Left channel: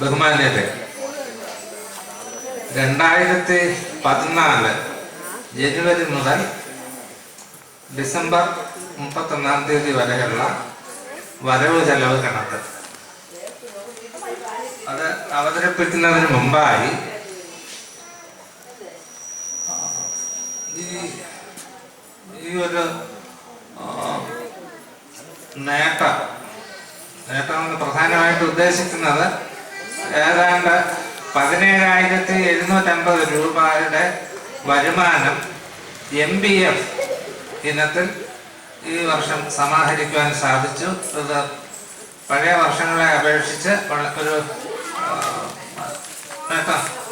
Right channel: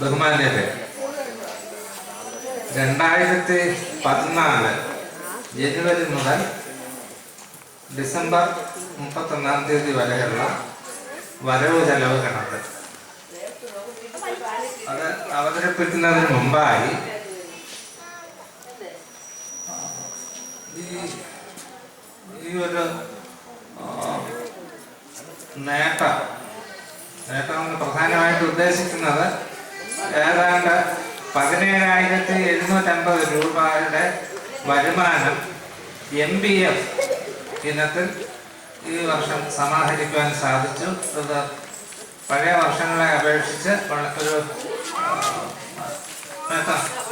ബഹുമാന്യരെ, 2014 ജനുവരി മുതൽ ഡിസംബർ 31 വരെയുള്ള വരവ് ചെലവ് കണക്ക് അത് അവതരിപ്പിക്കുന്നതിന് മുമ്പായി ഈ ഒരു നേട്ടം പ്രധാനമായിട്ട് ഉദ്ദേശിക്കുന്നത് ഏതാണ്ട് 17,750 രൂപയുടെ വരുമാനം MBF ഇനത്തിൽ ഈ വർഷം സമാഹരിക്കുവാൻ സാധിച്ചു. ഇത് പഴയ വർഷങ്ങളെ അപേക്ഷിച്ച് ഒരു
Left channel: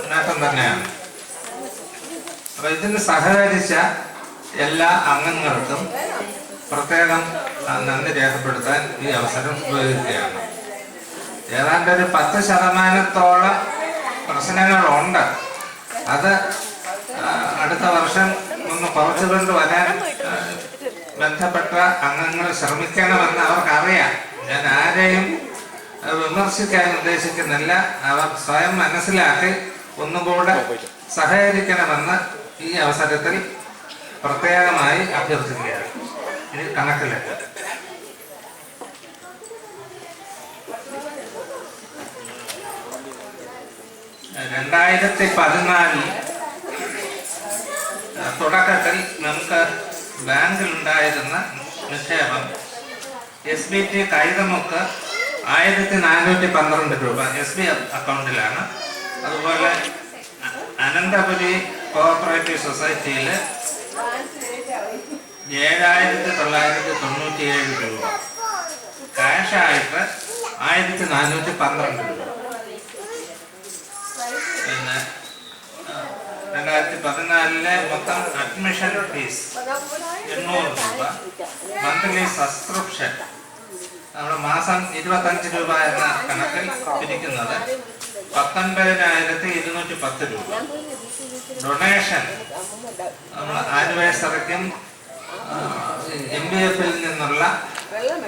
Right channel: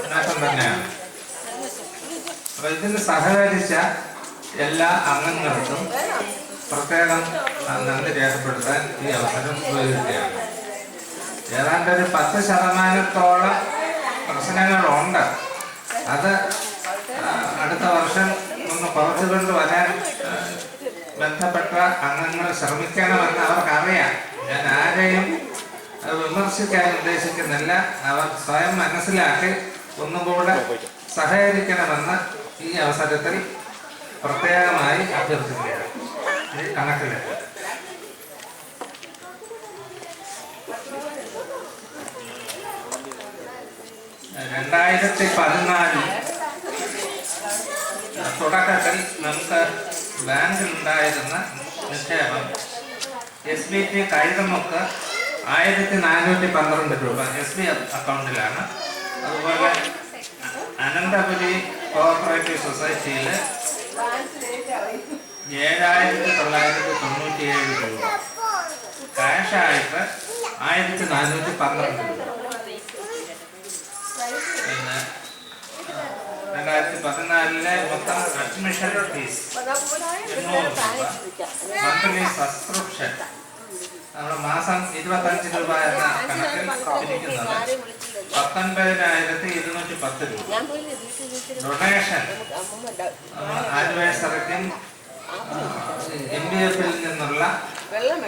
നേട്ടം തന്നെയാണ്. അപ്പൊ ഇതിന് സഹകരിച്ച എല്ലാ അംഗങ്ങൾക്കും പ്രത്യേകം നന്ദി രേഖപ്പെടുത്താൻ ഈ അവസരം ഉപയോഗിക്കുകയാണ്. ഏതാണ്ട് ഒരു 10% പ്രശ്നങ്ങളുണ്ട്. അത് അടുത്ത വർഷം ഒന്ന് കുറച്ചുകൊണ്ട് വരാൻ ബന്ധപ്പെട്ട അംഗങ്ങൾ ശ്രമിക്കണമെന്ന് അവർക്കറിയാം. ഞാൻ ആരെയും വിമർശിക്കാൻ ഉദ്ദേശിക്കുന്നില്ല. അവർ സ്വയം മനസ്സിലാക്കി ഒന്നുകൂടെ സഹകരിക്കണമെന്ന് ഈ അവസരത്തിൽ പ്രത്യേകമായി അഭ്യർത്ഥിക്കുകയാണ്. ഇത് കണക്കിലേക്ക് 2014 തുടക്കത്തിൽ നമുക്ക് ബാങ്കിലുണ്ടായിരുന്ന നിക്ഷേപം SBT കൈതമുക്ക് 1,412 രൂപ SB അക്കൗണ്ടിലാണ്. അതുപോലെ അനന്തപുരി കോഓപ്പറേറ്റീവ് സൊസൈറ്റിയിൽ 7,997 രൂപ, ക്യാഷായിട്ട് 1,412 രൂപ. പിന്നെ 2014 മൊത്തം അഡ്മിഷൻ ഫീസ് 800 രൂപ, മന്ത്ലി സബ്സ്ക്രിപ്ഷൻ നമ്മൾ മാസം 25 രൂപ എന്ന കണക്കിൽ പിരിക്കുന്നത് 19,210 രൂപ. ഡൊണേഷൻ ആനിവേഴ്സറിക്കും MBF-ൽ നിന്നുള്ള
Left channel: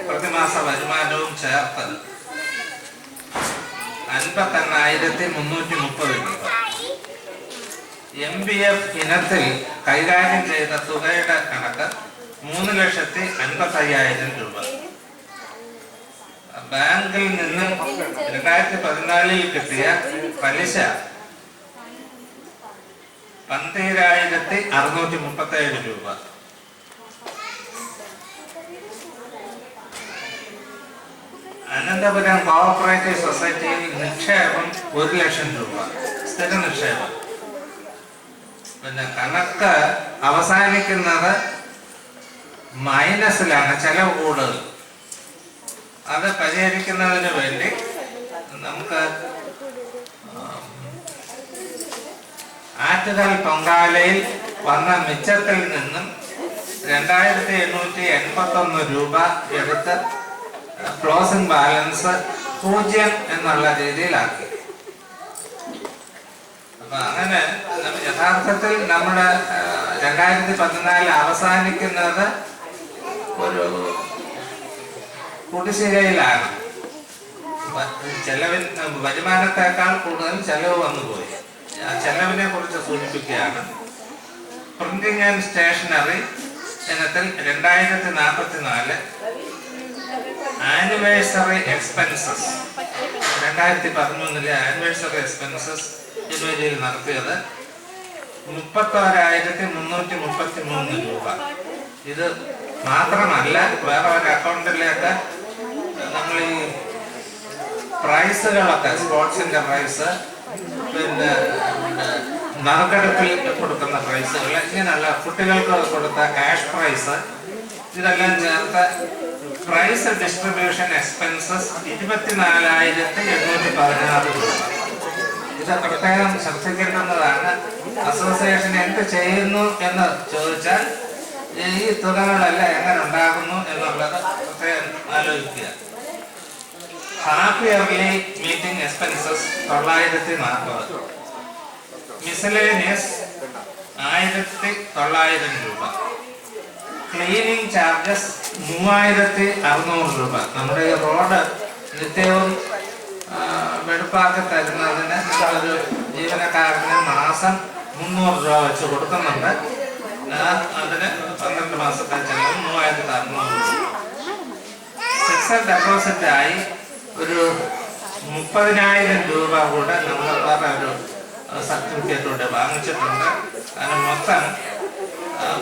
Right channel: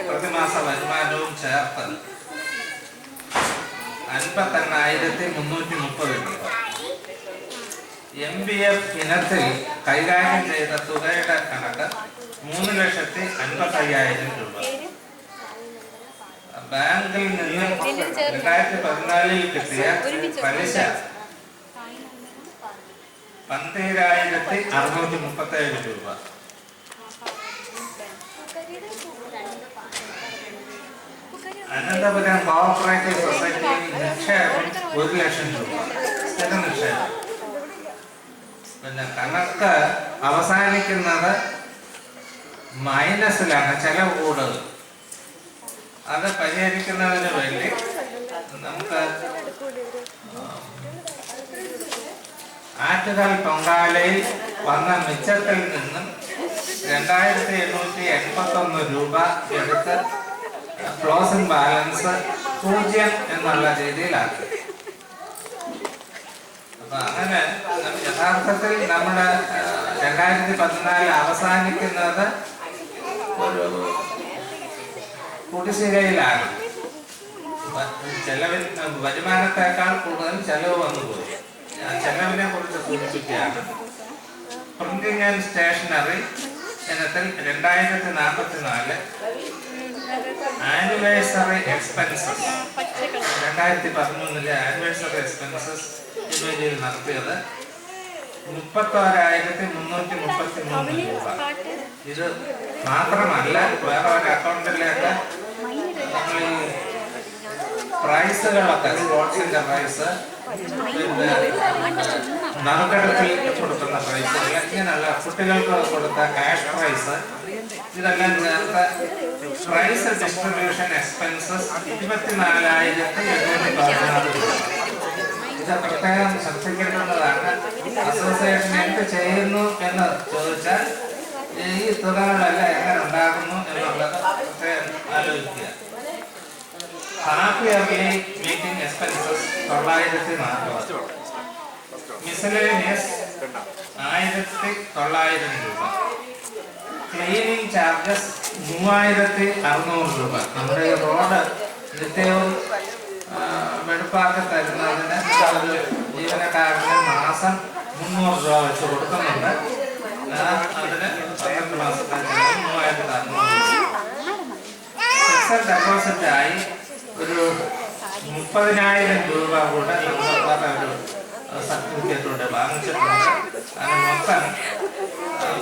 പ്രതിമാസ വരുമാനവും ചേർത്ത് 58,330 രൂപ. MBF ഇനത്തിൽ കൈകാര്യം ചെയ്ത തുകയുടെ കണക്ക് 3,55,000 രൂപ. ബാങ്കിൽ നിന്ന് 2014 കിട്ടിയ പലിശ 12,637 രൂപ. അനന്തപുരം കോഓപ്പറേറ്റീവ് സൊസൈറ്റിയിൽ നിക്ഷേപം 1,00,000 രൂപ സ്ഥിര നിക്ഷേപം. പിന്നെ കണക്ക് അവസാനിക്കുന്നത് മൈനസിലാണ്, ചെലവ് കൂടുതൽ. അത് പരിഹരിക്കുന്നതിന് വേണ്ടി നമുക്ക് ആറ്റുകാൽ പൊങ്കാലയിൽ വന്ന മിച്ചത്തിൽ നിന്നും 2,881 രൂപ എടുത്ത് ക്ലോസിംഗ് ബാലൻസ് 0 എന്നുള്ള രീതിയിലാക്കി. അപ്പൊ അങ്ങനെ യഥാർത്ഥത്തിൽ നമ്മുടെ 2014 അവസാനിക്കുന്നത് ഒരു കുടിശ്ശികയിലാണ്. ചെലവിൽ വരുമാനത്തെക്കാൾ കൂടുതൽ ചെലവ് വന്നുപോയി. ആ ചെലവിനെ കുറിച്ച് സൂചിപ്പിക്കുകയാണ്. പ്രിന്റിംഗ് ആൻഡ് സ്റ്റേഷനറി ഇനത്തിൽ 2044 ആനിവേഴ്സറി എക്സ്പെൻസസ് 2013 ആനിവേഴ്സറി എക്സ്പെൻസസ് ജനുവരിയിൽ നടത്തിയത് 31,333 രൂപ. ഇത് മാത്രമല്ല, വേറെ ഒരു അക്കൗണ്ടിലേക്ക് നമ്മൾ ഈ പ്രൈസുകളൊക്കെ, സ്പോർട്സിന്റെ പ്രൈസ്, പിന്നെ നറുക്കെടുപ്പിൽ കൊടുക്കുന്ന പ്രൈസുകൾ, ഇങ്ങനെയുള്ള കുട്ടികൾക്ക് കൊടുത്ത ക്യാഷ് പ്രൈസ്, ഇതെല്ലാം ചേർത്ത് പ്രൈസ് ഡിസ്ട്രിബ്യൂഷൻ എക്സ്പെൻസസ് 24,816 രൂപ. ഇത് പ്രത്യേകം ശ്രദ്ധിക്കേണ്ടതാണ്. അസോസിയേഷൻ എന്ത് ചെയ്യുന്നു എന്ന് ചോദിച്ചാൽ ഈ തുകകളെല്ലാം എങ്ങനെ ഉണ്ടാകുന്നു എന്നുള്ളത് പ്രത്യേകം ആലോചിക്കുക. Half yearly meeting expenses 940, miscellaneous 1,900 രൂപ, ക്ലീനിങ് ചാർജസ് 3,600 രൂപ. നമ്മുടെ ഈ റോഡ് നിത്യവും വെടുപ്പാക്കി തരുന്നതിന് ഒരു ജീവനക്കാരന് മാസം 300 രൂപ വെച്ച് കൊടുക്കുന്നുണ്ട്. അതിന് 12 മാസത്തെ ചെലവ് 3600 രൂപ. ഫിക്സഡ് ഡെപ്പോസിറ്റായി ഒരു 30,000 രൂപ കൂടെ നമ്മൾ വേറെ ഒരു സർട്ടിഫിക്കറ്റ് കൂടെ വാങ്ങിച്ചിട്ടുണ്ട്. അതിന് മൊത്തം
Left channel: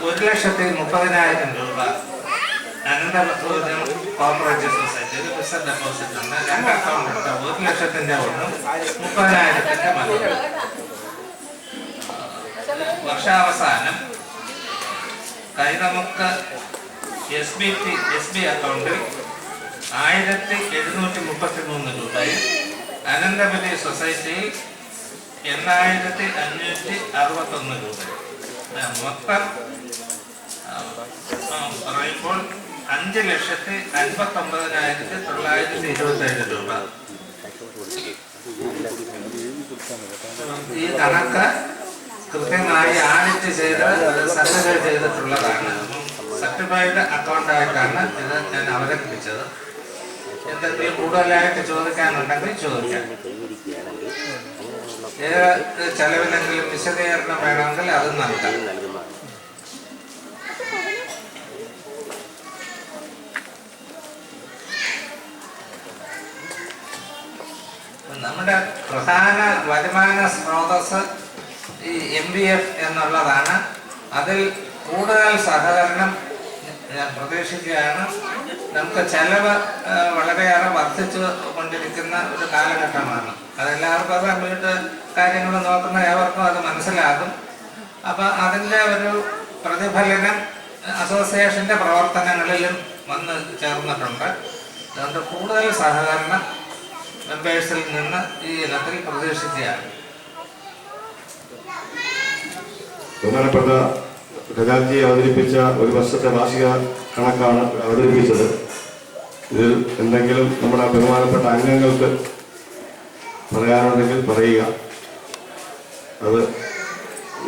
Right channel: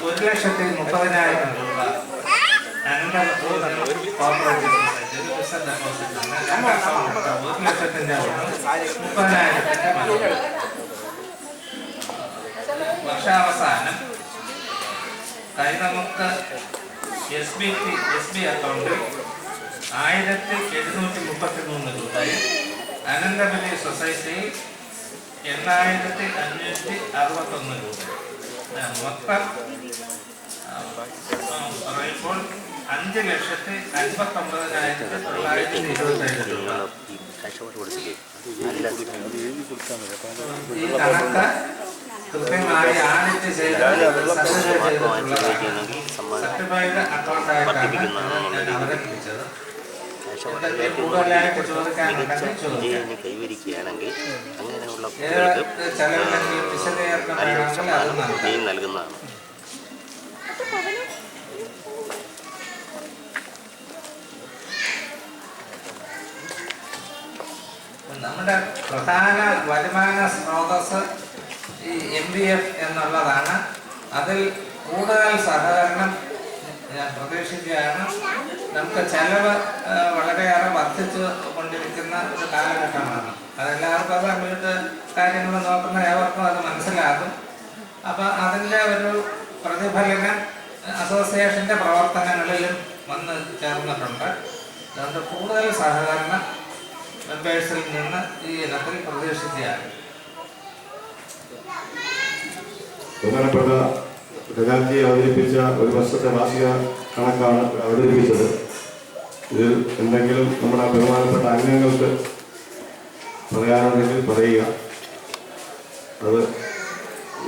1,30,000 രൂപ കോർപ്പറേറ്റീവ് സൊസൈറ്റി ഒരു ഫിക്സഡ് ഡെപ്പോസിറ്റ് ഉണ്ട്. 2 അക്കൗണ്ട് ഉണ്ട്. 1,00,000-ന്റെ ഒന്നും 30,000-ന്റെ മറ്റൊരു. വർഷാവസാനം നമുക്ക് SB അക്കൗണ്ടിൽ 1,733 രൂപയും അനന്തപുരി സൊസൈറ്റിയിൽ 8,561 രൂപ. മൊത്തം പറയുമ്പോൾ 5,59,927 രൂപ. ഈ കണക്ക് കൃത്യമായി ആഡിറ്റ് ചെയ്ത് സർട്ടിഫൈ ചെയ്തിട്ടുള്ളതാണ്. സർട്ടിഫൈഡ് അക്കൗണ്ടായിട്ടാണ് ഇത് ഞാൻ അവതരിപ്പിച്ചത്. എന്തെങ്കിലും കൂടുതലായിട്ട് ചോദിക്കാനുണ്ടെങ്കിൽ ചോദിക്കാം. ഏത് ചെലവിലെങ്കിലും വിശദീകരണം വേണമെങ്കിൽ അത് നൽകുന്നതാണ്. നമ്മുടെ പ്രധാന വരുമാന സ്രോതസ് ഈ MVF എന്നുള്ളതാണ്. അതിൽ കൂടുതൽ സഹകരണം ഞാൻ പ്രതീക്ഷിക്കുകയാണ്. നമുക്ക് ചെലവ് വളരെയേറെ വർദ്ധിച്ചു കൊണ്ടിരിക്കുന്ന ഒരു കാലഘട്ടമാണ്. അതെല്ലാവർക്കും അത് വീട്ട് കാര്യങ്ങൾ നോക്കുന്ന ഏവർക്കും അത് മനസ്സിലാകും. അപ്പം അതിൻ്റെ ഒരു പ്രതിഫലനം അസോസിയേഷൻ്റെ പ്രവർത്തനങ്ങളിലും വന്ന് ചേർന്നിട്ടുണ്ട്. അതുകൊണ്ട് കൂടുതൽ സഹകരണം മെമ്പേഴ്സിൽ നിന്ന് ഈ ഇനത്തിൽ പ്രതീക്ഷിക്കുകയാണ്. ബഹുമാനപ്പെട്ട ഖജാൻജി അവതരിപ്പിച്ച ഒരു വർഷത്തെ വാർഷിക കണക്കാണ് അവതരിപ്പിച്ചത്. ഇതിൽ എന്തെങ്കിലും നമ്മുടെ ബഹുമാനപ്പെട്ട അംഗങ്ങൾക്ക് പറയാനുണ്ടെങ്കിൽ പറയുക. അത്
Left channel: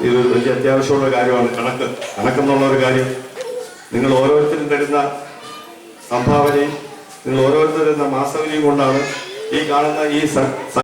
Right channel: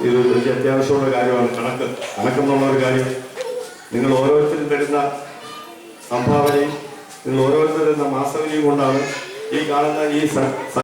ഇത് വലിയ അത്യാവശ്യമുള്ള കാര്യമാണ്. കണക്കെന്നുള്ളൊരു കാര്യം നിങ്ങൾ ഓരോരുത്തരും തരുന്ന സംഭാവനയും നിങ്ങൾ ഓരോരുത്തരും തരുന്ന മാസവലിയും കൊണ്ടാണ് ഈ കാണുന്ന ഈ